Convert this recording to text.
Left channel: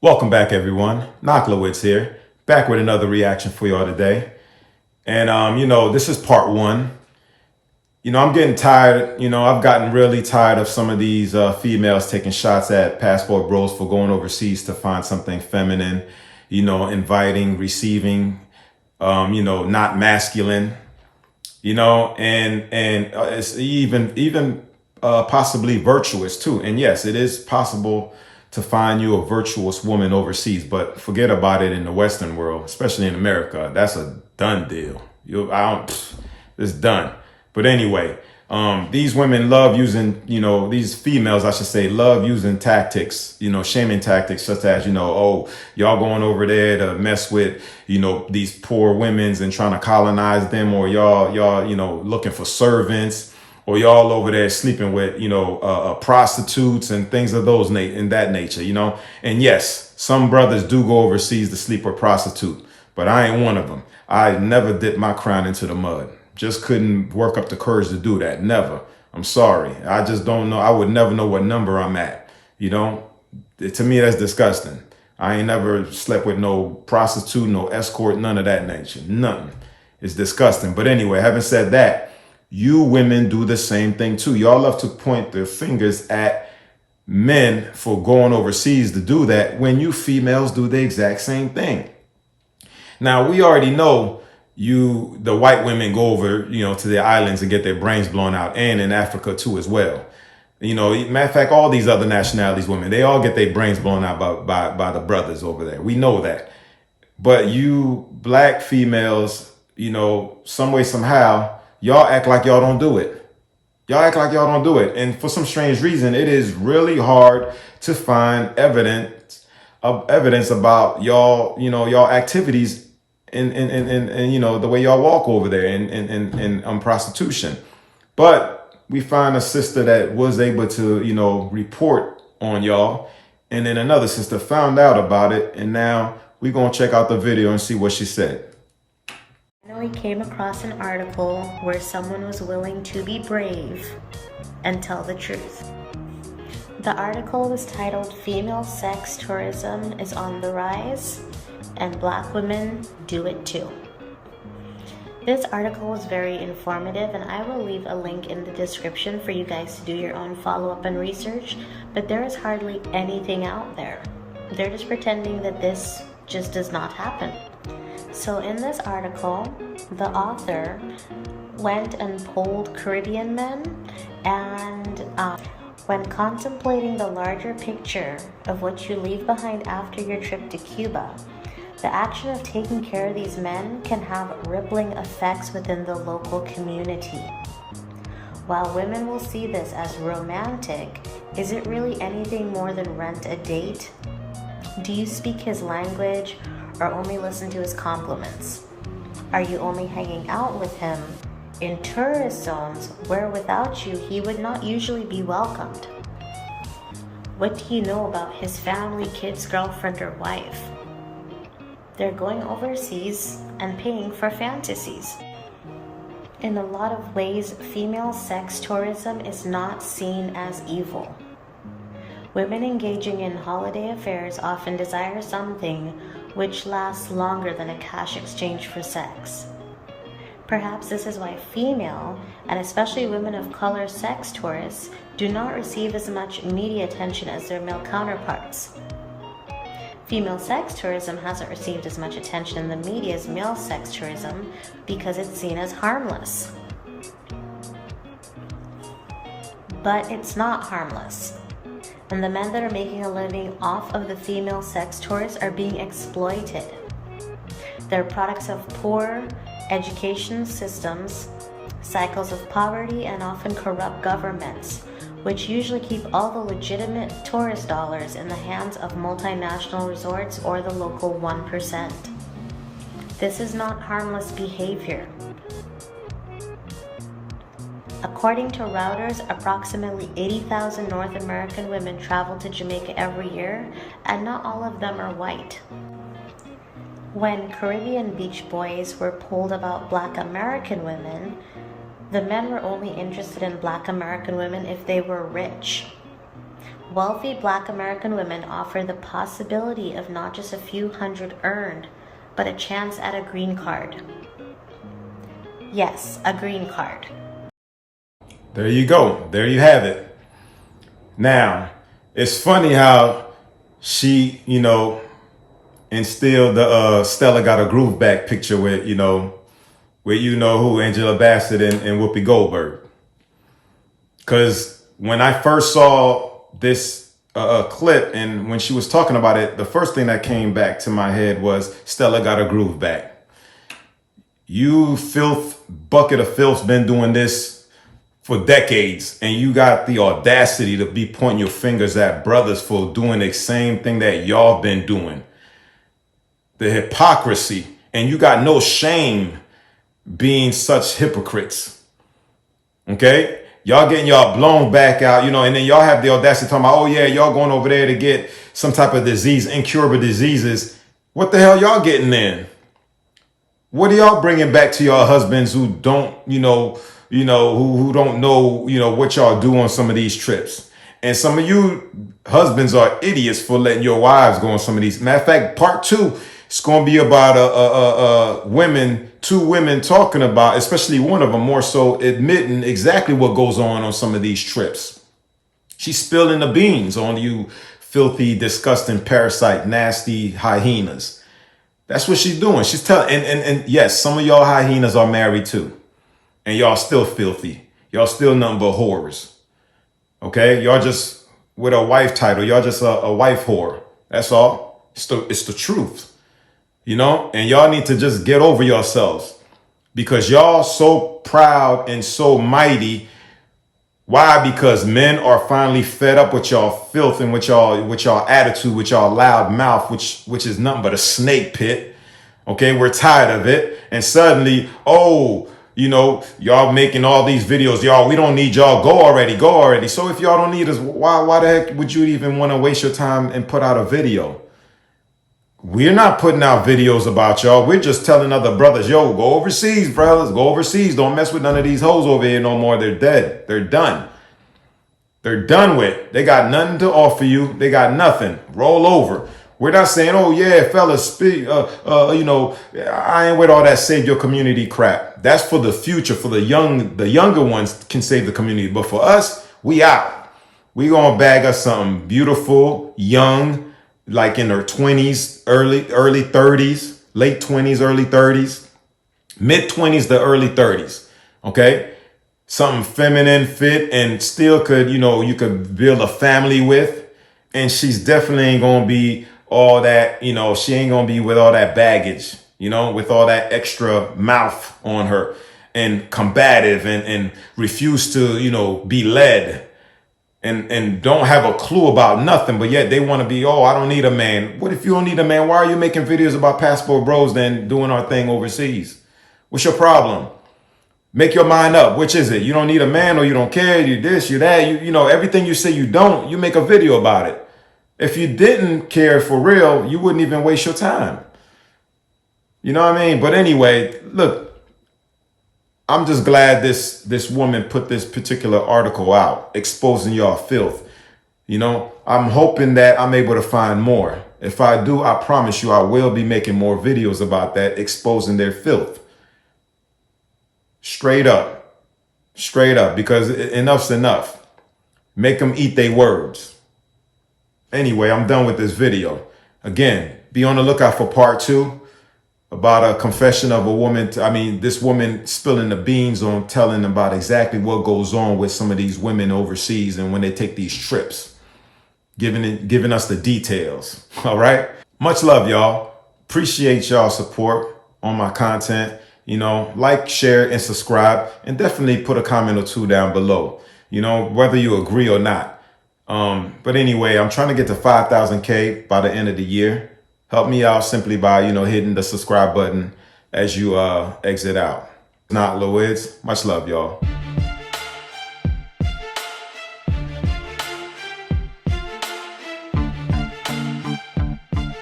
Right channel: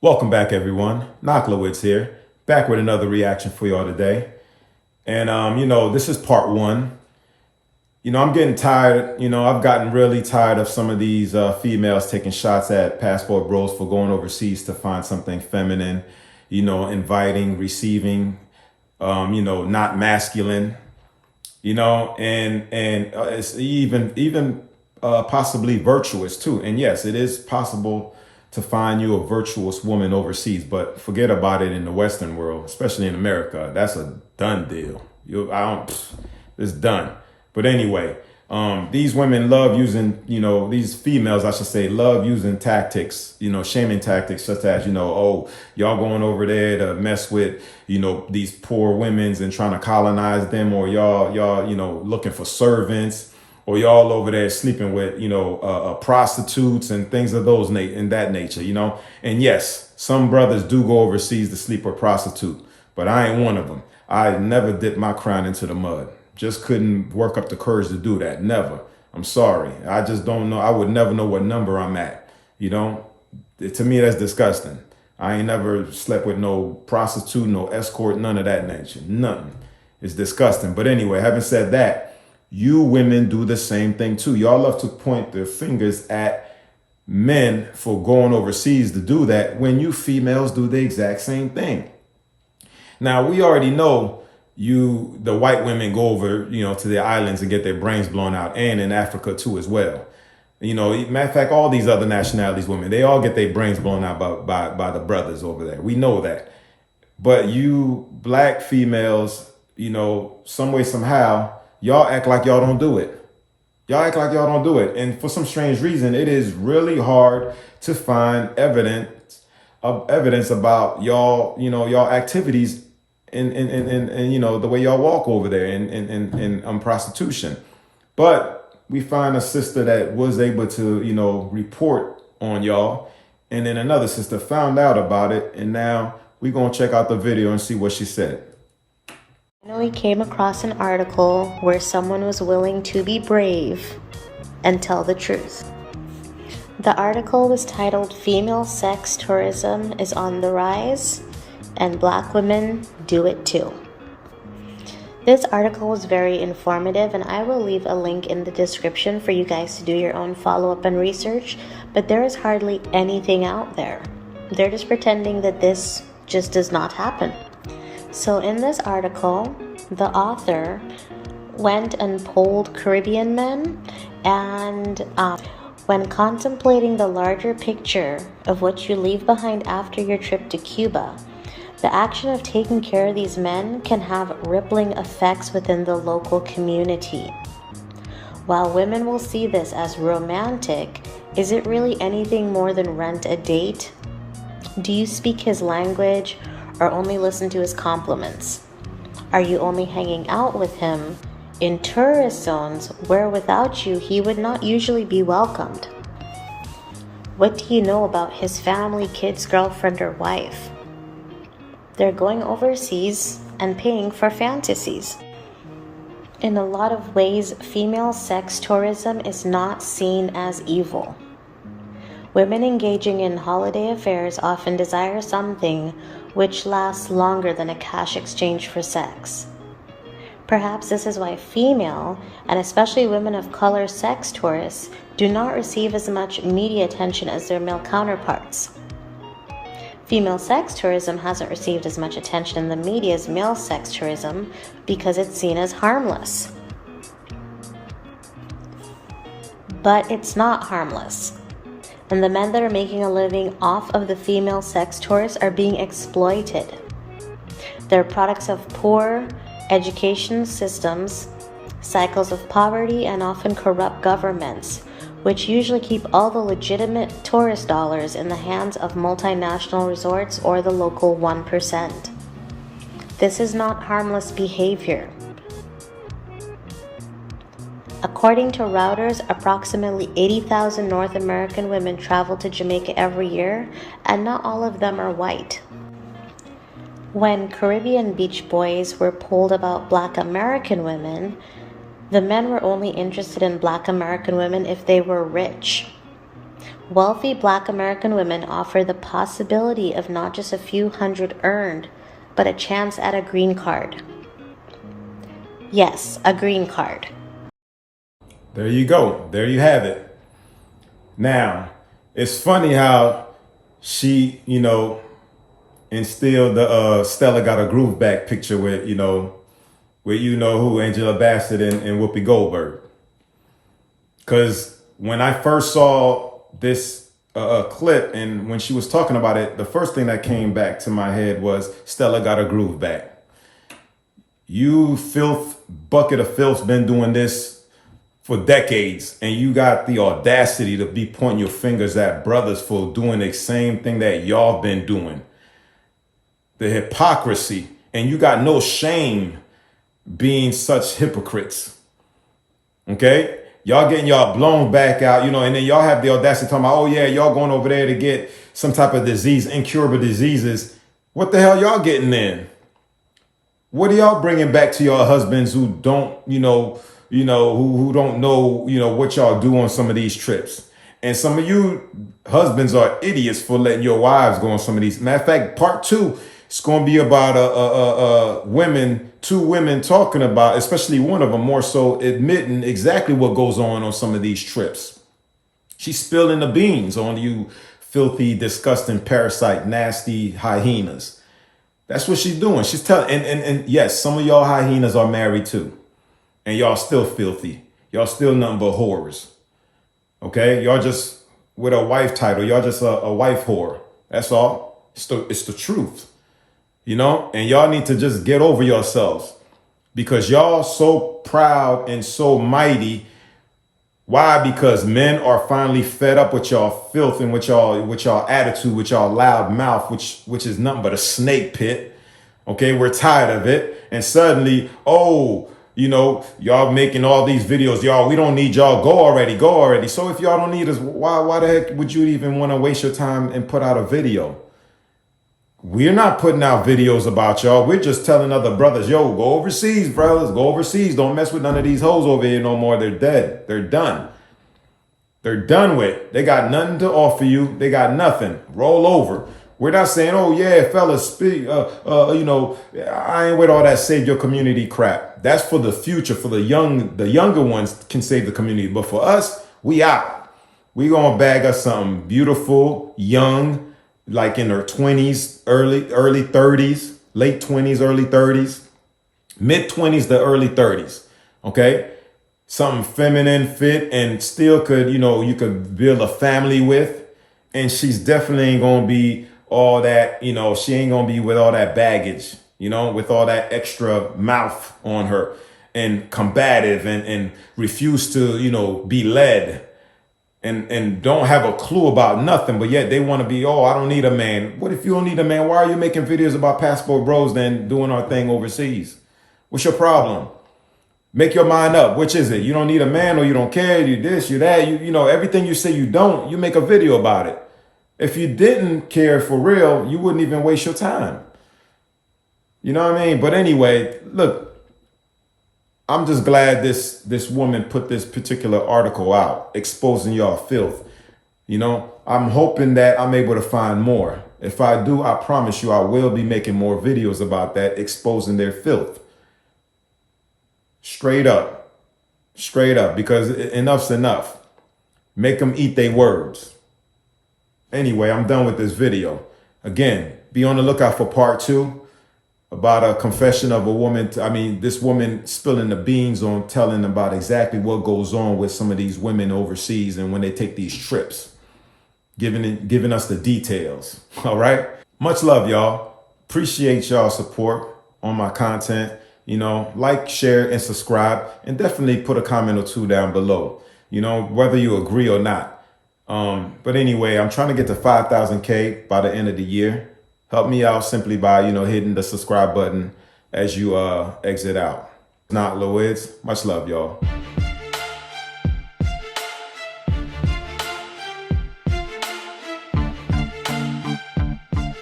Welcome back, everyone. Knocklewitz here, back with another reaction for y'all today. And, this is part one. I'm getting tired. I've gotten really tired of some of these females taking shots at passport bros for going overseas to find something feminine, inviting, receiving, not masculine, and it's even possibly virtuous too. And yes, it is possible to find you a virtuous woman overseas, but forget about it in the Western world, especially in America. That's a done deal. It's done. But anyway, these women love using, these females, I should say, love using tactics, shaming tactics such as, oh, y'all going over there to mess with, these poor women's and trying to colonize them, or y'all, looking for servants, or y'all over there sleeping with, prostitutes and things of in that nature, And yes, some brothers do go overseas to sleep with prostitute, but I ain't one of them. I never dipped my crown into the mud. Just couldn't work up the courage to do that. Never. I'm sorry. I just don't know. I would never know what number I'm at. To me, that's disgusting. I ain't never slept with no prostitute, no escort, none of that nature. Nothing. It's disgusting. But anyway, having said that, you women do the same thing too. Y'all love to point their fingers at men for going overseas to do that when you females do the exact same thing. Now, we already know the white women go over, to the islands and get their brains blown out, and in Africa too as well. Matter of fact, all these other nationalities, women, they all get their brains blown out by the brothers over there. We know that. But you black females, some way, somehow, y'all act like y'all don't do it. Y'all act like y'all don't do it. And for some strange reason, it is really hard to find evidence about y'all activities and the way y'all walk over there in prostitution. But we find a sister that was able to, report on y'all. And then another sister found out about it. And now we're going to check out the video and see what she said. We came across an article where someone was willing to be brave and tell the truth. The article was titled "Female Sex Tourism is on the Rise and Black Women Do It Too." This article was very informative, and I will leave a link in the description for you guys to do your own follow-up and research, but there is hardly anything out there. They're just pretending that this just does not happen. So in this article, the author went and polled Caribbean men, and when contemplating the larger picture of what you leave behind after your trip to Cuba, the action of taking care of these men can have rippling effects within the local community. While women will see this as romantic, is it really anything more than rent a date? Do you speak his language or only listen to his compliments? Are you only hanging out with him in tourist zones where without you he would not usually be welcomed? What do you know about his family, kids, girlfriend, or wife? They're going overseas and paying for fantasies. In a lot of ways, female sex tourism is not seen as evil. Women engaging in holiday affairs often desire something which lasts longer than a cash exchange for sex. Perhaps this is why female, and especially women of color sex tourists, do not receive as much media attention as their male counterparts. Female sex tourism hasn't received as much attention in the media as male sex tourism because it's seen as harmless. But it's not harmless. And the men that are making a living off of the female sex tourists are being exploited. They're products of poor education systems, cycles of poverty, and often corrupt governments, which usually keep all the legitimate tourist dollars in the hands of multinational resorts or the local 1%. This is not harmless behavior. According to Reuters, approximately 80,000 North American women travel to Jamaica every year, and not all of them are white. When Caribbean beach boys were polled about Black American women, the men were only interested in Black American women if they were rich. Wealthy Black American women offer the possibility of not just a few hundred earned, but a chance at a green card. Yes, a green card. There you go. There you have it. Now, it's funny how she, instilled the Stella Got a Groove Back picture with, with who, Angela Bassett and Whoopi Goldberg. Because when I first saw this clip and when she was talking about it, the first thing that came back to my head was Stella Got a Groove Back. You bucket of filth, been doing this for decades, and you got the audacity to be pointing your fingers at brothers for doing the same thing that y'all been doing. The hypocrisy, and you got no shame being such hypocrites. Okay? Y'all getting y'all blown back out, and then y'all have the audacity talking about, oh yeah, y'all going over there to get some type of disease, incurable diseases. What the hell y'all getting in? What are y'all bringing back to your husbands who don't, who don't know, what y'all do on some of these trips? And some of you husbands are idiots for letting your wives go on some of these. Matter of fact, part 2, it's going to be about two women talking about, especially one of them more so admitting exactly what goes on some of these trips. She's spilling the beans on you filthy, disgusting, parasite, nasty hyenas. That's what she's doing. She's telling, and yes, some of y'all hyenas are married too. And y'all still filthy. Y'all still nothing but whores. Okay? Y'all just with a wife title. Y'all just a wife whore. That's all. It's the truth. And y'all need to just get over yourselves. Because y'all so proud and so mighty. Why? Because men are finally fed up with y'all filth and with y'all attitude, with y'all loud mouth, which is nothing but a snake pit. Okay, we're tired of it. And suddenly, y'all making all these videos, y'all, we don't need y'all. Go already. So if y'all don't need us, why the heck would you even want to waste your time and put out a video? We're not putting out videos about y'all. We're just telling other brothers, yo, go overseas, brothers. Go overseas. Don't mess with none of these hoes over here no more. They're dead. They're done. They're done with. They got nothing to offer you. They got nothing. Roll over. We're not saying, oh, yeah, fellas, speak. I ain't with all that save your community crap. That's for the future. For the younger ones can save the community. But for us, we out. We gonna bag us something beautiful, young, like in their 20s, early 30s, late 20s, early 30s, mid 20s to early 30s. Okay. Something feminine, fit, and still could, you could build a family with. And she's definitely ain't going to be all that, she ain't going to be with all that baggage, with all that extra mouth on her and combative and refuse to, be led. And don't have a clue about nothing, but yet they want to be, I don't need a man. What if you don't need a man? Why are you making videos about passport bros then doing our thing overseas? What's your problem? Make your mind up. Which is it? You don't need a man or you don't care. You this, you that. Everything you say you don't, you make a video about it. If you didn't care for real, you wouldn't even waste your time. You know what I mean? But anyway, look. I'm just glad this woman put this particular article out, exposing y'all filth. I'm hoping that I'm able to find more. If I do, I promise you I will be making more videos about that, exposing their filth. Straight up, because enough's enough. Make them eat their words. Anyway, I'm done with this video. Again, be on the lookout for part 2. About a confession of a woman. This woman spilling the beans on telling about exactly what goes on with some of these women overseas and when they take these trips, giving us the details. All right. Much love, y'all. Appreciate y'all support on my content. Like, share, and subscribe, and definitely put a comment or 2 down below, whether you agree or not. But anyway, I'm trying to get to 5,000K by the end of the year. Help me out simply by, hitting the subscribe button as you exit out. Not Lloyd's. Much love, y'all.